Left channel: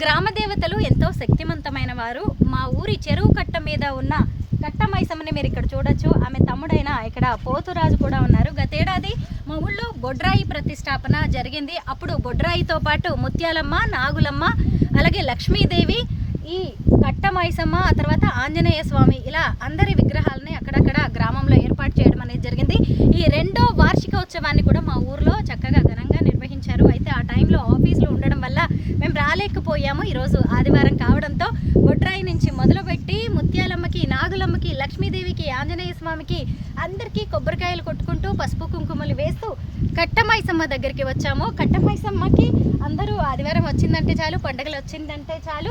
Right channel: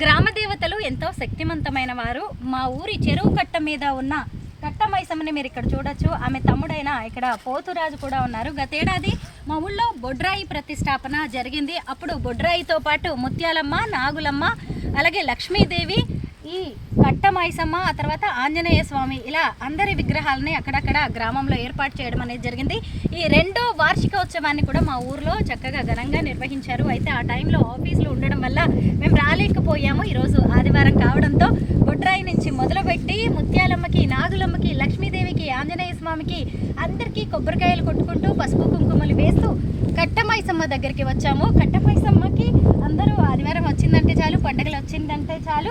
గ్రామ దేవతలు ఎంతో శక్తివంతమైన వారు. మా ఊరి చెరువు కట్ట మీద ఉన్న కట్ట మైసమ్మని మీరు ఇక్కడ చూడొచ్చు. ఆమె తమ్ముడైన ఇక్కడ పోతురాజు కూడా ఉన్నారు. గతేడాది మా ఊళ్ళో బొడ్రాయి ప్రతిష్టాపన జరిగింది. అప్పుడు బొడ్రాయితో పాటు ముత్యాలమ్మ, నాగులమ్మ, అలాగే లక్ష్మీదేవి, ఈ కట్ట మైసమ్మ, ఆ తర్వాత ఆంజనేయ స్వామి, ఇలా అందరి విగ్రహాలని అక్కడక్కడ గ్రామంలో ఏర్పాటు చేయడం అనేది జరిగింది. ఈ రెండో వార్షికోత్సవాన్ని కూడా మా ఊర్లో చక్కగా ఘనంగా నిర్వహించారు. అయితే ఆ టైంలో ఆఫీసులో ఉండడం వల్ల మేము రాలేకపోయాము. ఈరోజు ఆదివారం కావడంతో బొడ్రాయి నుంచి మొదలుపెట్టి ముత్యాలమ్మకి, నాగులమ్మకి, లక్ష్మీదేవికి, ఆంజనేయ స్వామికి అందరికీ కొబ్బరికాయలు కొట్టుకుంటూ పసుపు కుంకుమలు వేస్తూ కట్ట మైసమ్మ దగ్గరికి వచ్చాము. కట్ట మైసమ్మకి అందరూ ఆదివారం వచ్చిందంటే చాలు, పండగలు వచ్చిందంటే చాలు,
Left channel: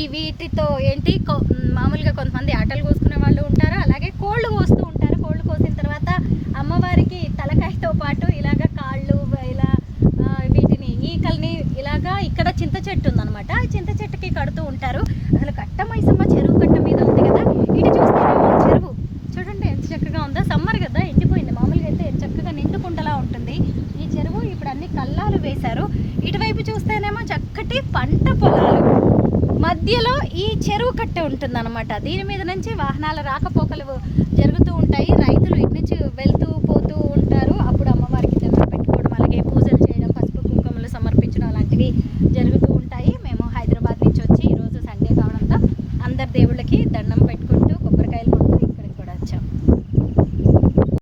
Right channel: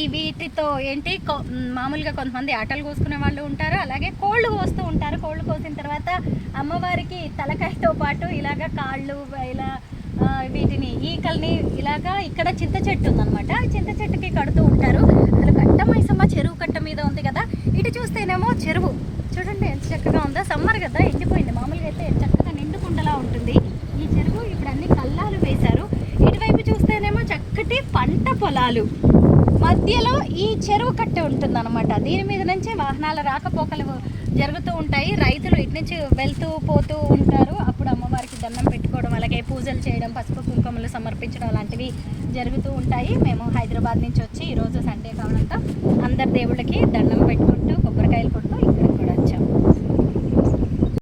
ఈ వీటితో ఏంటి మామూలుగా కొంతమంది ఆటలు కోసుకునే వాళ్ళు ఉంటారు, అలాగే కోళ్ళు కోస్తూ ఉంటారు. కోళ్ళు కోసిన తర్వాత అమ్మవారికి తలకాయతో పాటు ఇలాగ కాళ్ళు, ఇలా వీటిని ఈకల్ని ఇలాగా ఇక్కడ చింత చెట్టు ఉందన్నమాట, చింత చెట్టుకి కడుతూ ఉంటారు. అసలు కట్ట మైసమ్మ చెరువు కట్ట మీద ఉంది కదా. ఇటు చూస్తేనేమో చెరువు చూడండి ఎంత చక్కగా ఉందో. సమ్మర్ కదా, ఎండిపోయింది. మామూలుగా అయితే చక్కగా నిండుకుండలా ఉంటుంది ఈ చెరువు. ఇప్పుడు అన్ని కల్లాలు వేశారు. ఇటువైపు చూస్తేనేమో చక్కటి పంట పొలాలు, మధ్యలో ఈ చెరువు కట్ట ఉంటుంది అనమాట. దీని మీద నుంచి వాహనాల రాకపోకలు జరుగుతూ ఉంటాయి. రైతులు ఇటు నుంచి వెళ్తూ పోతూ ఉంటారు. అప్పుడు అమ్మవారికి దండం పెట్టుకోవడం, అలాగే పూజలు చేయడం, పసుపు కుంకుమలు సమర్పించడం లాంటివి జరుగుతూ ఉంటాయి. మేము హైదరాబాద్ నుంచి వచ్చి ఈరోజు సండే కావడంతో అందరి దేవుళ్ళకి దండం పెట్టుకుంటాం.